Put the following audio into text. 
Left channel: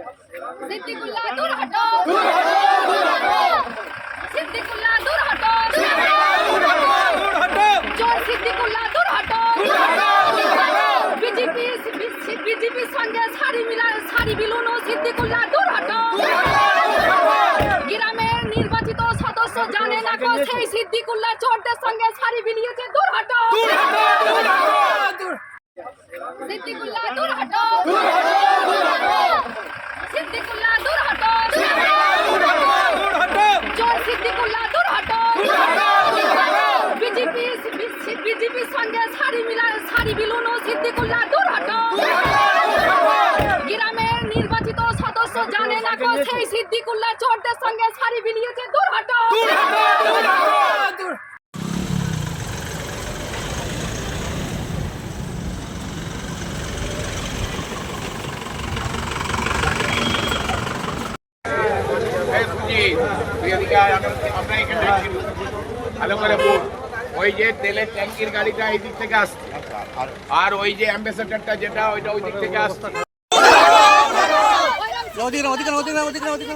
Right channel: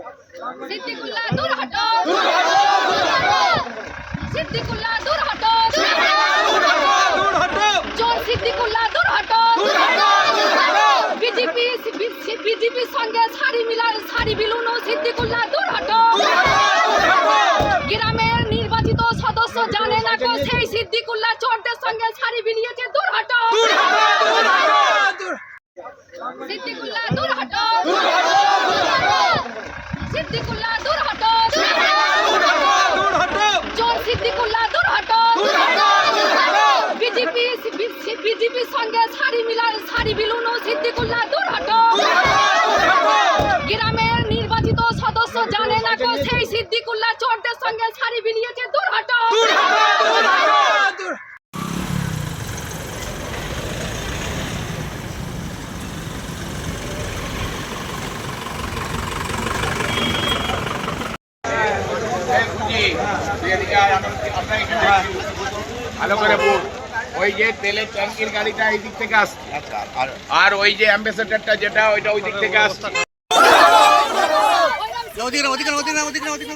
সিদ্দিকুল্লাহ দূর হটো সিদ্দিকুল্লাহ দূর হটো চোর সিদ্দিকুল্লাহ দূর হটো বিজেপি বিজেপির সঙ্গে শাড়ি মিলার শাড়ি বিলুনো সিদ্দিকুল্লাহ দূর হটো গ্রামের নির্বাচিত সদস্য জানে না গো সেই সিদ্দিকুল্লাহ চোরদের সঙ্গে শাড়ি বিলিয়েছে দূর হটো সিদ্দিকুল্লাহ দূর হটো সিদ্দিকুল্লাহ দূর হটো চোর সিদ্দিকুল্লাহ দূর হটো বিজেপি বিজেপির সঙ্গে শাড়ি মিলার শাড়ি বিলুনো সিদ্দিকুল্লাহ দূর হটো গ্রামের নির্বাচিত সদস্য জানে না গো সেই সিদ্দিকুল্লাহ চোরদের সঙ্গে শাড়ি বিলিয়েছে দূর হটো জি, তুই এদিকে আয়, আমি আপনার এখানে ভালো করে বল। ওই যে তেলের ট্যাঙ্কির গাড়িটা এই দিক থেকে আসছে। আর ওই যে অ্যাম্বাসেডারটা যেটা ওইটা ওই দিক থেকে আসছে। ওদিকে ওদিকে ওদিকে ওদিকে ওদিকে